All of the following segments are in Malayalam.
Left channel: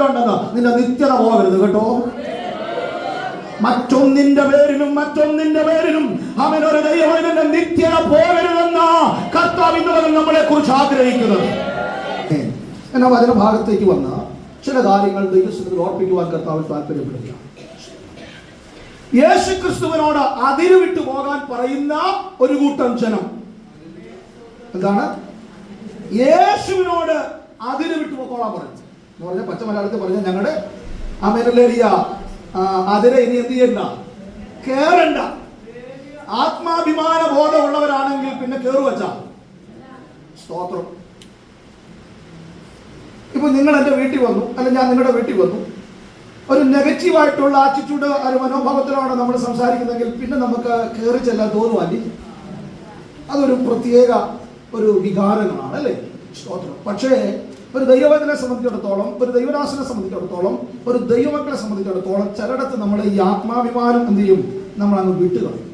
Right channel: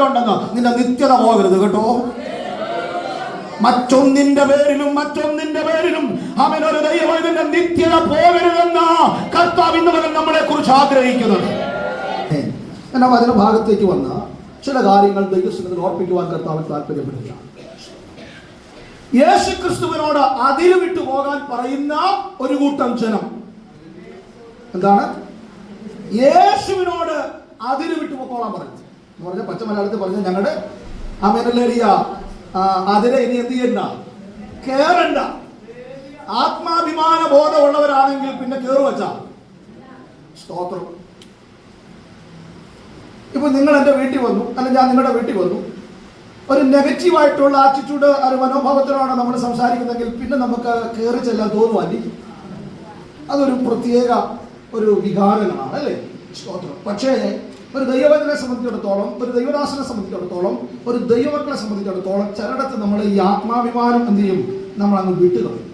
പുല്ലുണ്ടെന്ന് നിന്റെ നിത്യത പോകരുത് കേട്ടോ. മറ്റൊന്നിന്റെ പേരിലും മറ്റൊന്നിന്റെ പേരിലും അവനൊരു ദൈവത്തിന്റെ നിത്യത പോകരുതെന്ന കർത്താവ് ഇന്നലെ നമ്മളെ കുറിച്ച് ആഗ്രഹിക്കുന്നത്. എന്നാൽ അതിന് ഭാഗത്തേക്ക് വന്ന ചില കാര്യങ്ങൾ ദൈവസ്വത്തിൽ ഓർപ്പിക്കുവാൻ കർത്താവ് താല്പര്യപ്പെടുക യേശു ക്രിസ്തുവിനോട് അതിര് വിട്ടു പോകാൻ പറയുന്ന ഒരു കൂട്ടം ജനം. എന്താണ്? യേശുവിനോട് അതിര് വിട്ടു പോകാൻ പറഞ്ഞു എന്ന് പറഞ്ഞ പച്ച മലയാളത്തിൽ പറഞ്ഞ ഞങ്ങളുടെ അമേനല്ലേറിയ അതിനെ ഇനി എന്ത് ചെയ്യണ്ട? കേറണ്ട. ആത്മാഭിമാന ബോധമുള്ളവരാണെങ്കിൽ പിന്നെ കേറു വച്ചാ. സ്തോത്രം. ഇപ്പൊ നിങ്ങൾ എന്റെ വീട്ടിൽ വന്നു അല്ലെങ്കിൽ ഞാൻ നിങ്ങളുടെ വീട്ടിൽ വന്നു. ഒരു നെഗറ്റീവ് ആയിട്ടുള്ള ആറ്റിറ്റ്യൂഡ് ഒരു മനോഭാവത്തിലാണ് നമ്മൾ സംസാരിക്കുന്നതെങ്കിൽ പിന്നെ നമുക്ക് കയറി ചെല്ലാൻ തോന്നുവാൻ അതൊരു പ്രത്യേക ഒരു വികാരങ്ങളാണ് അല്ലേ? സ്തോത്രം. പക്ഷേ ഒരു ദൈവവചനെ സംബന്ധിച്ചിടത്തോളം ഒരു ദൈവരാശിനെ സംബന്ധിച്ചിടത്തോളം ഒരു ദൈവമക്കളെ സംബന്ധിച്ചിടത്തോളം ചിലയിടത്ത് നമ്മൾ ഈ ആത്മാഭിമാനം എന്ത് ചെയ്യും? നമ്മൾ അങ്ങ് വിട്ടുകളയും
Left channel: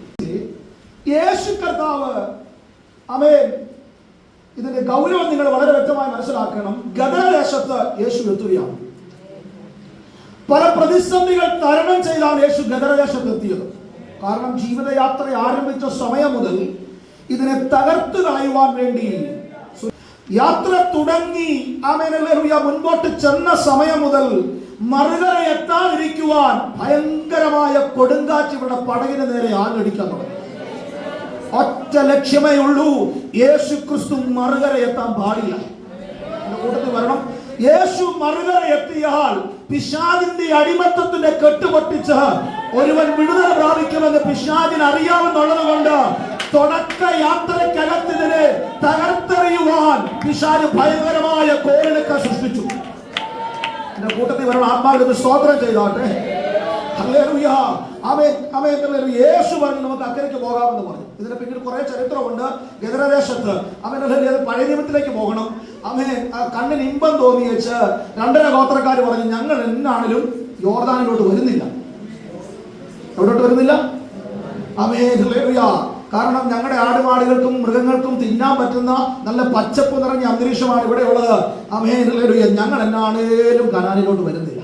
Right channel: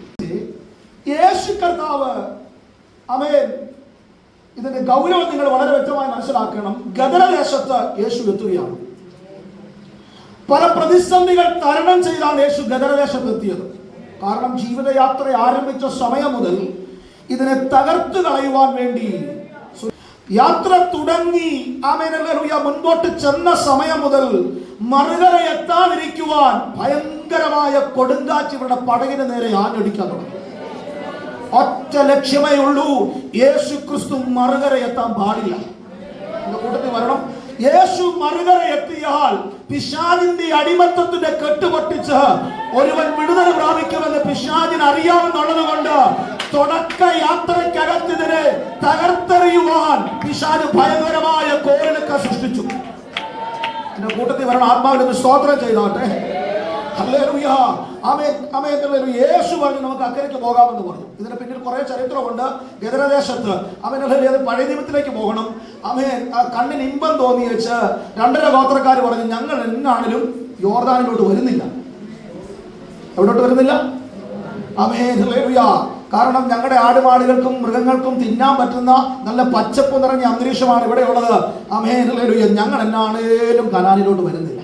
യേശു കർത്താവ് അവൻ ഇതിന്റെ ഗൗരവം നിങ്ങൾ വളരെ വ്യക്തമായി മനസ്സിലാക്കണം. ഗദരദേശത്ത് യേശു എത്തുകയാണ്. പല പ്രതിസന്ധികൾ തരണം ചെയ്താണ് യേശു ഗദരദേശത്ത് എത്തിയത്. കാരണം ജീവിതയാത്ര ആരംഭിച്ച സമയം മുതൽ ഇതിനെ തകർത്തു കളയുവാൻ വേണ്ടി യാത്ര തുടങ്ങി ആമേനല്ലേലൂയ മുൻപോട്ട് ചെന്ന സമയം മുതൽ മറുകര എത്താതിരിക്കുവാൻ ഭയങ്കരമായ കൊടുങ്കാറ്റുകളുടെ പടകിന് നേരെ ആഞ്ഞടിക്കാൻ തുടങ്ങി. ഒറ്റ ലക്ഷ്യമേ ഉള്ളൂ യേശു ക്രിസ്തു മറുകര എത്താൻ പാടില്ല. വരണം. യേശു മറുകര എത്തിയാൽ പിശാദിന്റെ അടിമത്തത്തിന്റെ കെട്ടുപൊട്ടിച്ച് ഒരുവൻ വിടുതല പ്രാപിക്കുമെന്ന് പിശാദിന് അറിയാമെന്നുള്ളത് കൊണ്ട് തുടക്ക യാത്രക്കകത്തിനെ തകർത്തെറിയുവാൻ പിശാദ് ഭയങ്കരമായ കോരിലൊക്കെ സൃഷ്ടിച്ചു. എന്റെ കൂട്ടത്തിൽ വരണം. ആത്മാവിന് സ്തോത്രം ചെയ്തോട്ടെ യേശു പറഞ്ഞു നമുക്ക് അക്കരയ്ക്ക് പോകാമെന്ന് പറഞ്ഞു. ഇതിന് പിന്നിൽ കുറെ ചരിത്രമുണ്ട്. ഗദരദേശത്ത് അവന്റെ പഴയ നിയമത്തിലേക്ക് പോകണം. അവനെ കണ്ണിന് ഇമ്പം തോന്നി വെച്ച് രണ്ടര ഗോത്രക്കാർ പറഞ്ഞു ഞങ്ങൾ എന്നാണെങ്കിലും യോർദാനിലോട്ട് വരുന്നില്ല. എവിടോട്ട് വരുന്നില്ല? അമേ ഹല്ലേലൂയ. കാരണം ഞങ്ങളുടെ ആടുപാടുകൾക്കും മൃഗങ്ങൾക്കും തിന്നാൻ പറ്റുന്ന നല്ല പച്ചപ്പ് നിറഞ്ഞ അന്തരീക്ഷമാണ് ഇവിടെ ഉള്ളത്. ഹല്ലേലൂയ. ഞങ്ങൾ എന്നാണേലും കനാലിലോട്ട് വരുന്നില്ല.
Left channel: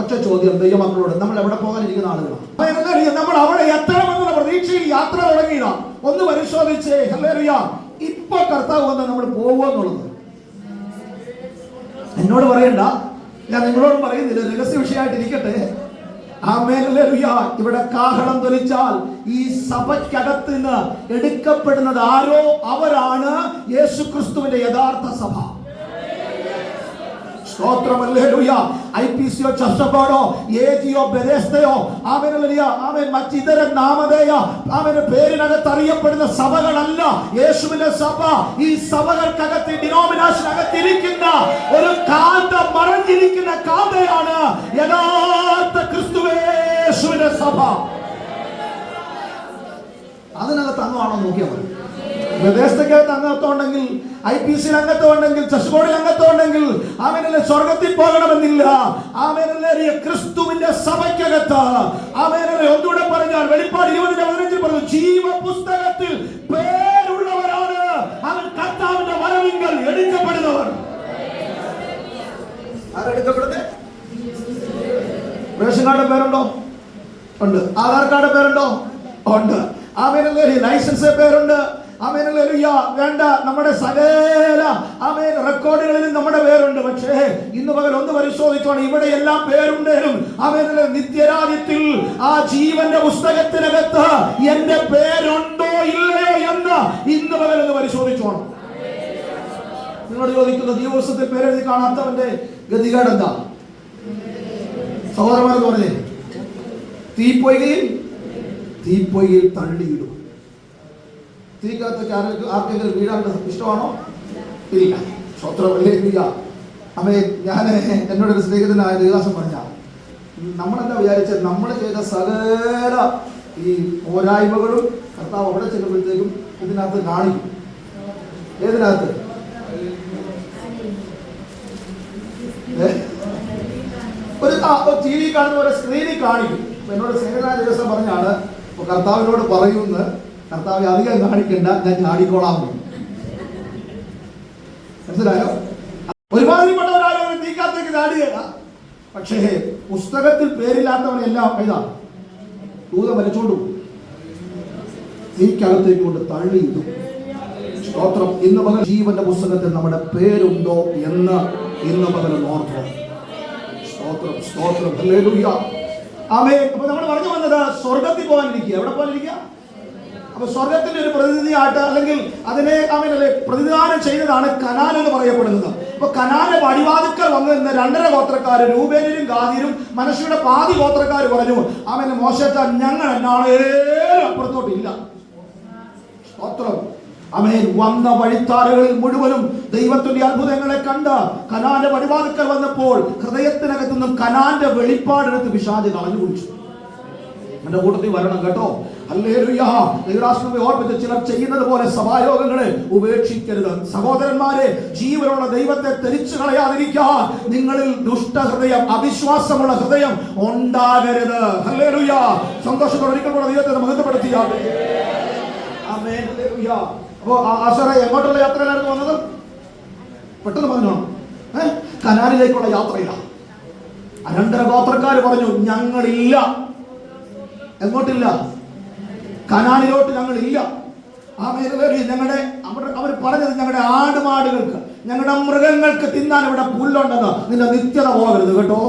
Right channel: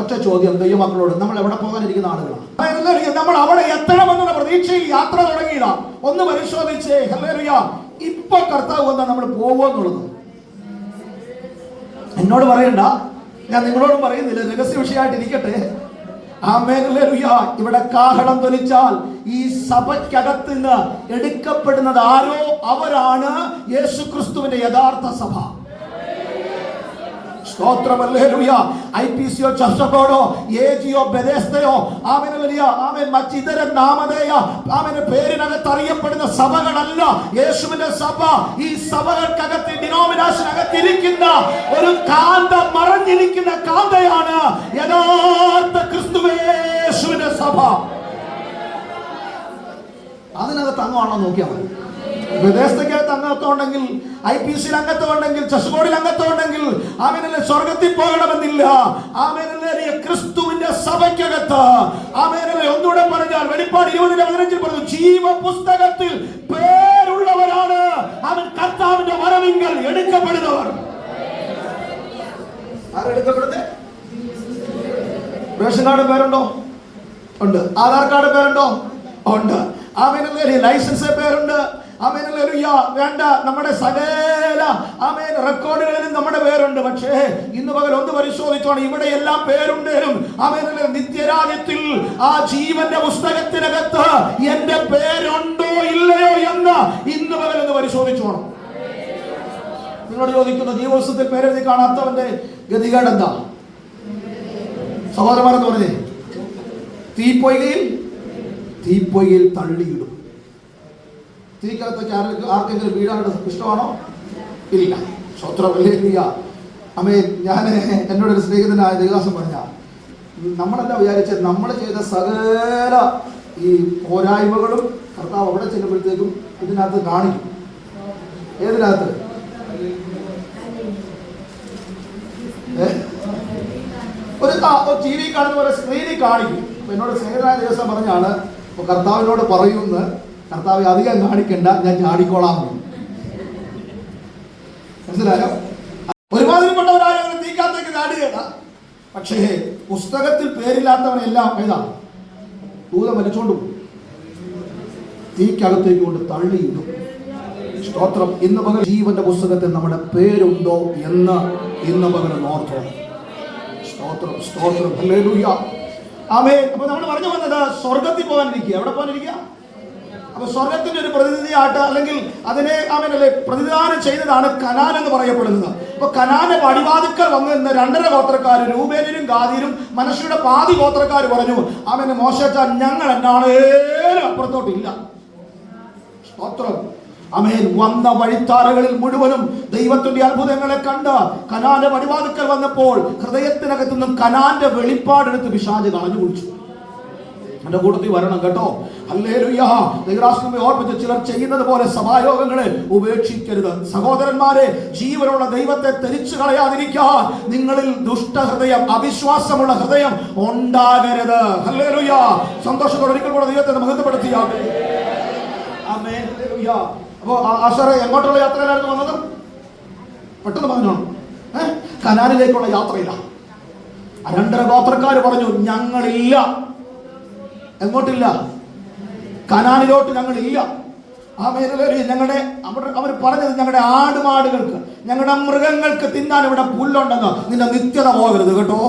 ഒറ്റ ചോദ്യം ദൈവമക്കളോട്. നമ്മൾ എവിടെ പോകാനിരിക്കുന്ന ആളുകളാണ്. നമ്മൾ അവിടെ എത്തണമെന്നുള്ള പ്രതീക്ഷയിൽ യാത്ര തുടങ്ങിയില്ല. ഒന്ന് പരിശോധിച്ചേ ഹല്ലേലൂയ. ഇപ്പൊ കർത്താവ് വന്ന നമ്മൾ പോവാന്നുള്ളത് എന്നോട് പറയണ്ട. ഞാൻ നിങ്ങളോട് പറയുന്നില്ല. രഹസ്യ വിഷയമായിട്ട് ഇരിക്കട്ടെ ഇവിടെ കാഹളം ധരിച്ചാൽ ഈ സഭയ്ക്കകത്ത് നിന്ന് എടുക്കപ്പെടുന്നത് ആരോ? അവരാണ് യേശു ക്രിസ്തുവിന്റെ യഥാർത്ഥ സഭ. മറ്റിതര നാമധേയ ആമേന്റെ പേരിനകത്ത് അറിയപ്പെടുന്ന സഭകളല്ല യേശുവിന്റെ സഭ. ഈ സഭകൾക്കകത്ത് ഡിനോമിനേഷൻ അകത്തിരിക്കുന്ന ഒരു കാന്ത മറഞ്ഞിരിക്കുന്ന കാന്തയാണ് യഥാർത്ഥ നോക്കിയാൽ മതി വിദേശത്തേക്കകത്ത് അംഗത്വമുണ്ടെങ്കിൽ ഐ പി സിയിൽ അംഗത്വമുണ്ടെങ്കിൽ ചെസ് ബോർഡിൽ അംഗത്വമുണ്ടെങ്കിൽ ആമേനല്ലേ സ്വർഗത്തിൽ പോകണമെന്നില്ല. ആമേനെ ക്രിസ്തുവിന്റെ സഭയ്ക്കകത്ത് ആമേനെ ഒന്നുകൂടെ പറഞ്ഞാൽ വെളിപ്പാട് ഇരുപതിന്റെ പതിനഞ്ചിൽ പറഞ്ഞു ജീവ പുസ്തകത്തിൽ പേരുള്ളവരാണ്. അവൻ കർത്താവിന്റെ വരവിങ്കൽ എടുക്കപ്പെടുന്നവർ. ആരെടുക്കപ്പെടുന്നത് റേഷൻ കാർഡ് പേരുണ്ടോ? ഉണ്ട്. ആധാർ കാർഡ് പേരുണ്ടോ? ഉണ്ട്. ആമേനല്ലേ ലൈസൻസ് പേരുണ്ട്. ആമേനല്ലേ വേണ്ട. നമ്മുടെ സകല ആമേൻ റെക്കോർഡുകളിലും നമ്മുടെ പേരുണ്ട്. പക്ഷേ ഇന്ന് പകൽ ഒന്ന് പരിശോധിച്ചോണം. ഇവിടെ എല്ലാം പേരുണ്ടേലും അവനുള്ള നിത്യരാജ്യത്തിൽ ആ ജീവന്റെ പുസ്തകത്തിനകത്ത് എന്റെ പേരുണ്ടോ ഇല്ലയോ എന്ന് ഇന്ന് പകൽ ഒന്ന് പരിശോധിച്ചോണം. നിങ്ങളോട് ചോദിക്കുന്ന ജീവപുസ്തകത്തിൽ പേരെഴുതി കാണാത്തവന്റെ ഗതികേട് എന്താ? സഹോദരന്മാരെന്ന് പറഞ്ഞേ തീപ്പൊയ്കയിൽ തീപ്പൊയ്കയിൽ തള്ളിയിടും. തിരിക്കകത്തൊക്കെ ആർക്ക് ആർക്കെങ്കിലും വീടാണ് ഇഷ്ടമാണോ? ഇല്ല സ്വത്രമില്ല അമ്മേ ഞാൻ എന്നോട് ഒരു സ്നേഹിതനായ ദേവാസം പറഞ്ഞ നമ്മളെല്ലാം വിചാരിച്ച നമ്മൾ ചെയ്ത സകല ഈ പോരായ്മകളും കർത്താവ് അവിടെ ചെല്ലുമ്പോഴത്തേക്കും ഇതിനകത്ത് കാണിക്കും. ഏതിനകത്ത്? ഒരു ടി വി കാണുന്ന ഒരു സ്ക്രീനിൽ കാണിക്കും. എന്നോട് സ്നേഹിതനായ ദിവസം പറഞ്ഞാണ് അപ്പൊ കർത്താവിനോട് പറയുന്ന കർത്താവ് അധികം കാണിക്കണ്ട ഞാൻ ചാടിക്കോളാം. മനസ്സിലായോ? ഒരുമാതിരിപ്പെട്ടവരായ ഒരു തീക്കാത്തേക്ക് പക്ഷേ പുസ്തകത്തിൽ പേരില്ലാത്തവരെല്ലാം ഇതാ. ദൂരെ വലിച്ചോണ്ടു തീക്കകത്തേക്ക് കൊണ്ട് തള്ളി സ്തോത്രം. ഇന്ന് പകൽ ജീവന്റെ പുസ്തകത്തിൽ നമ്മുടെ പേരുണ്ടോ എന്ന് ഇന്ന് പകൽ നോക്കണം സ്തോത്രം സ്തോത്രം. ആമേൻ. അപ്പൊ നമ്മൾ പറഞ്ഞു വന്നത് സ്വർഗത്തിൽ പോകാനിരിക്കുക. എവിടെ പോകാനിരിക്കുക? അപ്പൊ സ്വർഗത്തിന്റെ ഒരു പ്രതിനിധിയായിട്ട് അല്ലെങ്കിൽ അതിനെ അവനല്ലേ പ്രതിദാനം ചെയ്തതാണ് കനാൻ എന്ന് പറയപ്പെടുന്നത്. അപ്പൊ കനാന പടിവാതുക്കൾ വന്നു നിന്ന് രണ്ടര ഗോത്രക്കാർ രൂപേനും ഗാദിയിലും മനുഷ്യരുടെ പാതി ഗോത്രക്കാർ പറഞ്ഞു. അവനെ മോശത്താൻ ഞങ്ങൾ എന്നാണ് ഏറെ അപ്പുറത്തോട്ടില്ല സ്തോത്രം അമേൻ. വന്ന വഴിത്താരകളിൽ മുഴുവനും ദൈവത്തിന്റെ അത്ഭുതങ്ങളെ കണ്ട് കനാന്റെ വഴിവാതുക്കൽ വന്നപ്പോൾ ഹൃദയത്തിനകത്തു നിന്നും കനാന്റെ വെളിപ്പാടെടുത്ത് വിഷാദി അനുഭവിച്ചു. എന്റെ കൂട്ടത്തിൽ വരണം കേട്ടോ. ഓർമ്മിച്ച് ചിലർ ചെയ്യുന്നത് പോലെ സഭായോഗങ്ങളെ ഉപേക്ഷിക്കരുത്. സഹോദരന്മാരെ ജീവനുള്ള ദൈവത്തെ തെരിച്ചു കളയാതിരിക്കാൻ നിങ്ങളിൽ ദുഷ്ടഹൃദയം അവിശ്വാസമുള്ള ഹൃദയം ഉണ്ടാകരുത്. സന്തോഷത്തോടെ ഒരിക്കൽ കൂടെ ദൈവത്തെ മഹത്വപ്പെടുത്തിയാട്ടെ. ഹല്ലേലൂയ. അപ്പോ ആശാറെ എങ്ങോട്ടുള്ള യാത്രയിലായിരുന്നു വന്നത്? പെട്ടെന്ന് പറഞ്ഞു ഏഹ് കനാലിലേക്കുള്ള യാത്രയിലാണ് അനന്തര പാത്രക്കാർ പറഞ്ഞു ഞങ്ങളില്ല. എങ്ങോട്ടില്ല? കനാലിലോട്ട് ഞങ്ങളില്ല. ആ മേഖലയിൽ ഞങ്ങളുടെ അവിടെ അവർ പറഞ്ഞത് ഞങ്ങളുടെ ആടുമാടുകൾക്ക് ഞങ്ങളുടെ മൃഗങ്ങൾക്ക് തിന്നാൻ ഇവിടെ പുല്ലുണ്ടെന്ന് നിന്റെ നിത്യത പോകരുത് കേട്ടോ.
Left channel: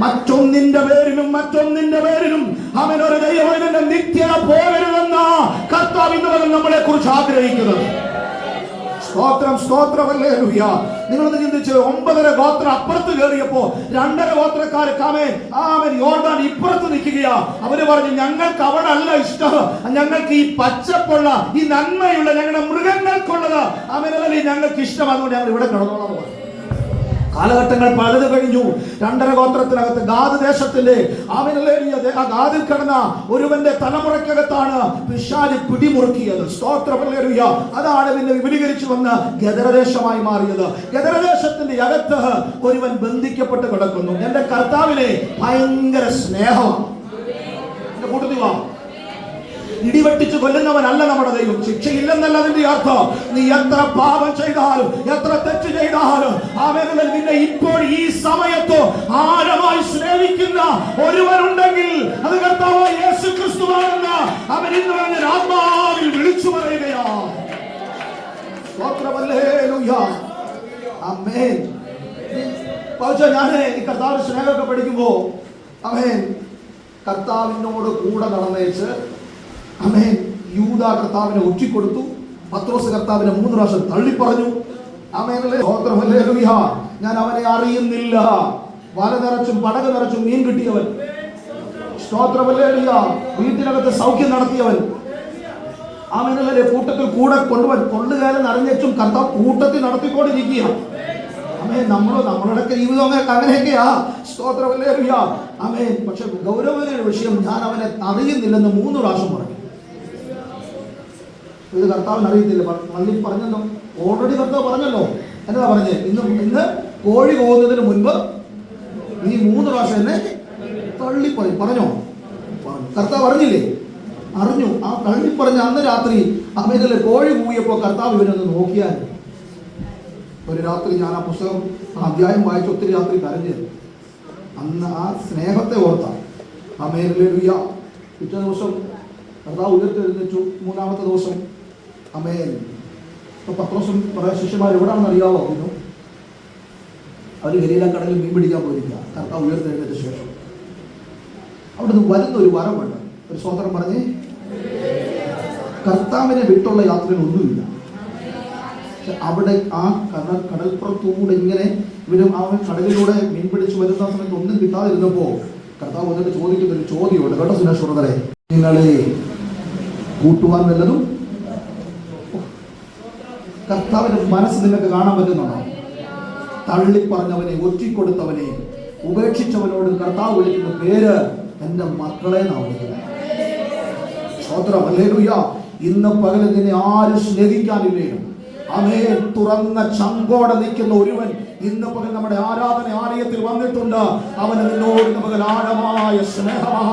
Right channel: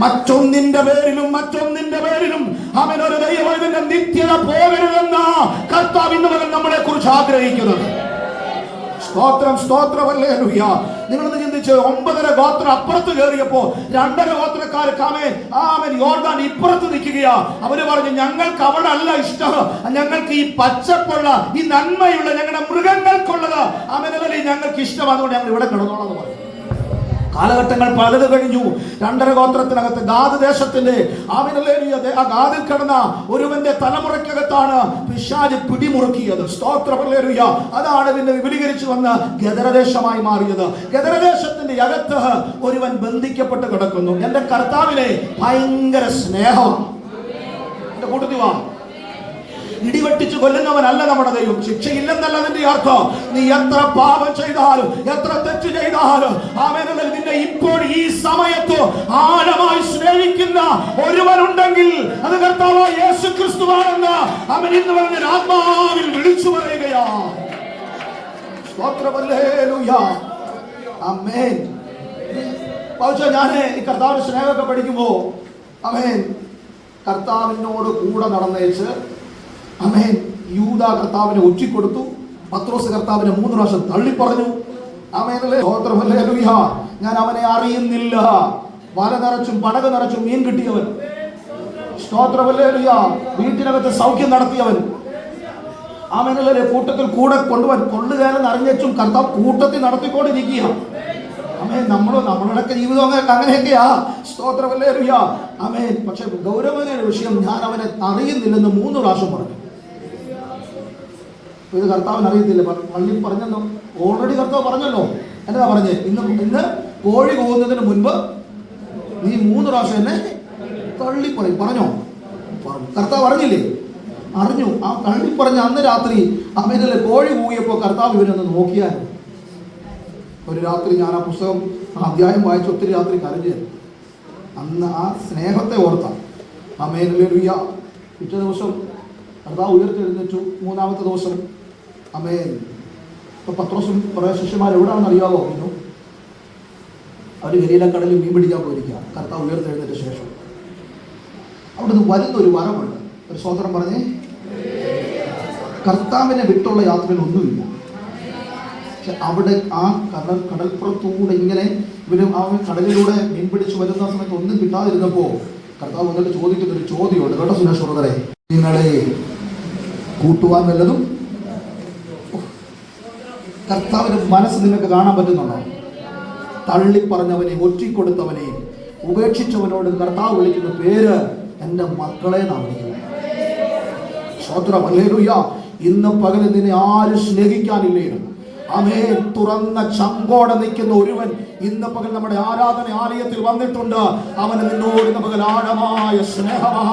മറ്റൊന്നിന്റെ പേരിലും മറ്റൊന്നിന്റെ പേരിലും അവനൊരു ദൈവത്തിന്റെ നിത്യത പോകരുതെന്ന കർത്താവിന്റെ നമ്മളെ കുറിച്ച് ആഗ്രഹിക്കുന്നത്. സ്തോത്രം സ്തോത്രമല്ലേ ലുയ്യ നിങ്ങൾ ചിന്തിച്ച് ഒമ്പതര ഗോത്രം അപ്പുറത്ത് കയറിയപ്പോ രണ്ടര ഗോത്രക്കാര് കാമേൻ ആമൻ യോർദാൻ ഇപ്പുറത്ത് നിൽക്കുകയാ. അവർ പറഞ്ഞു ഞങ്ങൾക്ക് അവിടെ അല്ല ഇഷ്ടം. ഞങ്ങൾക്ക് ഈ പച്ചപ്പുള്ള ഈ നന്മയുള്ള ഞങ്ങളുടെ മൃഗങ്ങൾക്കുള്ളത് അവനല്ലേ ഞങ്ങൾക്ക് ഇഷ്ടം. അതുകൊണ്ട് ഞങ്ങൾ ഇവിടെ കിടന്നോളാം. എന്ന് പറഞ്ഞു. കാലഘട്ടങ്ങൾ പലത് കഴിഞ്ഞു. രണ്ടര ഗോത്രത്തിനകത്ത് ഗാദ് ദേശത്തിന്റെ ആമിനലേറിയ ആ ഗാദിൽ കിടന്ന ഒരുവന്റെ തലമുറയ്ക്കകത്താണ് പിശാലി പിടിമുറുക്കിയത്. സ്തോത്രപല്ലേറിയ അതാണ് പിന്നെ വിപുലീകരിച്ചു വന്ന് ഗദരദേശമായി മാറിയത്. ഗദരദേശത്തിന്റെ അകത്ത് ഒരുവൻ ബന്ധിക്കപ്പെട്ട് കിടക്കുന്നു. എന്റെ കർത്താവിനെ ഭയങ്കര സ്നേഹം. കൂട്ടുന്നു ഇടിവെട്ടിച്ച് കൊല്ലുന്നവനല്ല നമ്മുടെ ദൈവം. ശിക്ഷയില്ലെന്നല്ല അതിന്റെ അർത്ഥം. നീ എത്ര പാപം ചെയ്താലും എത്ര തെറ്റ് ചെയ്താലും അവനുള്ള നിന്നെ ഇപ്പോൾ ഈ സമയത്ത് ആഴമായി സ്നേഹിക്കുന്ന ഒരുവനുണ്ടെങ്കിൽ അത് കർത്താവായ യേശു ക്രിസ്തുവാണെന്ന് അവൻ ഇന്ന് പറഞ്ഞ ആത്മാവിൽ വിളിച്ചു പറയുകയാണ് ഞാൻ ഈ സ്നേഹമൊക്കെ പഠിക്കുമ്പോ അമേൻ കർത്താവിനോട് കൂടെ നടന്നേച്ച് അമേൻ യൂത കർത്താവിനെ ഒറ്റിക്കൊടുത്തു പത്രോസ് കർത്താവിനെ മൂന്ന് പ്രാവശ്യം തള്ളിപ്പറഞ്ഞു. ഞാൻ അവനെ അറിയുന്നില്ല. വല നിറച്ചും പടക നിറച്ചും മീൻ കിട്ടിയവൻ. വീട്ടിനകത്ത് സൗഖ്യം നടത്തിയവൻ. അവനല്ലേ കൂട്ടത്തിൽ കൂടെ കൊണ്ടുവൻ. കൊള്ളുകാരൻ അറിഞ്ഞും കർത്താവ് കൂട്ടത്തിൽ നടത്തിക്കൊണ്ടിരിക്കുക അമേ നമ്മൾ നമ്മളുടെ ജീവിതം അങ്ങനെ അങ്ങനെയൊക്കെയാ. സ്തോത്രമല്ലേ അറിയാം അമേ പക്ഷെ ഗൗരവമായ വിഷയം ഞാൻ അവനെ അറിയുന്നില്ലെന്ന് മൂന്ന് പ്രാവശ്യം പറഞ്ഞു. ഇത് കർത്താവിന് അറിയത്തില്ല. പള്ളി പറഞ്ഞല്ലോ. ഓൾറെഡി കർത്താവ് പറഞ്ഞല്ലോ. എന്നാ പറഞ്ഞേ? ഇന്ന് ഇന്ന് കോഴി പോകുന്നതിന് മുൻപ് നീ മൂന്ന് പ്രാവശ്യം തന്നെ തള്ളിപ്പോയി പറഞ്ഞോ? കർത്താവ് അറിഞ്ഞില്ലേ? അറിഞ്ഞു. ആ തള്ളി പറഞ്ഞ അന്ന് രാത്രി അമേതല്ലേ കോഴി പോയപ്പോ കർത്താവ് ഇവനൊന്ന് നോക്കിയാൽ ഒരു രാത്രി ഞാൻ ആ പുസ്തകം അധ്യായം വായിച്ച ഒത്തിരി രാത്രി കരഞ്ഞു അന്ന് ആ സ്നേഹത്തെ ഓർത്ത. അമേരിലെ പിറ്റേ ദിവസം കർത്താവ് ഉയർത്തെഴുന്നേറ്റു. മൂന്നാമത്തെ ദിവസം അമേൻ. ഇപ്പൊ പത്രോസും കുറേ ശിഷ്യന്മാർ എവിടെയാണെന്ന് അറിയാവോ? ഇപ്പൊ അവർ ഗലീല കടലിൽ മീൻ പിടിക്കാൻ പോയിരിക്കുക. കർത്താവ് ഉയർത്തെഴുന്നേറ്റ ശേഷം. അവിടുന്ന് വരുന്നൊരു വരമുണ്ട് ഒരു സ്വതന്ത്രം പറഞ്ഞേ. കർത്താവിനെ വിട്ടുള്ള യാത്രയിൽ ഒന്നുമില്ല. അവിടെ ആ കടൽ കടൽപ്പുറത്തൂടെ ഇങ്ങനെ ഇവരും ആ കടലിലൂടെ മീൻ പിടിച്ച് വരുന്ന സമയത്ത് ഒന്നും കിട്ടാതിരുന്നപ്പോ കർത്താവ് വന്നിട്ട് ചോദിക്കുന്ന ഒരു ചോദ്യമുണ്ട്. കേട്ടോ സുനേഷ് സുഹൃതരെ നിങ്ങളെ കൂട്ടുവാൻ വല്ലതും കർത്താവിന്റെ മനസ്സ് നിങ്ങൾക്ക് കാണാൻ പറ്റുന്നുണ്ടോ? തള്ളിപ്പറഞ്ഞവനെ ഒറ്റിക്കൊടുത്തവനെ ഉപേക്ഷിച്ചവനോട് കർത്താവ് വിളിക്കുന്ന പേര് എന്റെ മക്കളെ ഇന്ന് പകൽ നിന്നെ ആരും സ്നേഹിക്കാനില്ലേ? അവേ തുറന്ന ചങ്കോടെ നിൽക്കുന്ന ഒരുവൻ ഇന്ന് പകൽ നമ്മുടെ ആരാധന ആലയത്തിൽ വന്നിട്ടുണ്ട്. അവന് നിന്നോട് ഇന്ന് പകൽ ആഴമായ സ്നേഹമാ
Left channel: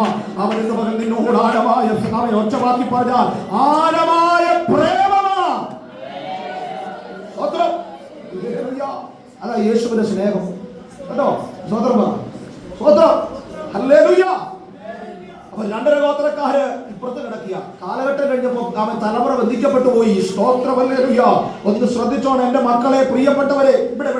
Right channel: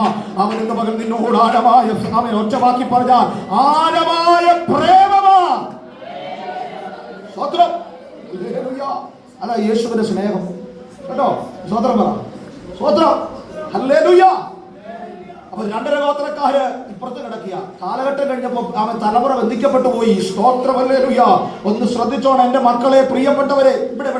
അവൻ ഇന്ന് പകൽ നിന്നോട് ആഴമായ ഒറ്റവാക്കി പറഞ്ഞാൽ ആഴമായ പ്രേമമാ സ്തോത്രം ഹല്ലേലൂയ. അതാ യേശുവിന്റെ സ്നേഹം കേട്ടോ സ്വതന്ത്രം പറ സ്വതന്ത്രം ഹല്ലേലൂയ അപ്പൊ രണ്ടര ഗോത്രക്കാര് ഇപ്പുറത്ത് കിടക്കുക കാലഘട്ടം കഴിഞ്ഞപ്പോ അവൻ തലമുറ ബന്ധിക്കപ്പെട്ടു പോയി സ്തോത്രം ഹല്ലേലൂയ ഒന്ന് ശ്രദ്ധിച്ചോണം എന്റെ മക്കളെ പ്രിയപ്പെട്ടവരെ. ഇവിടെ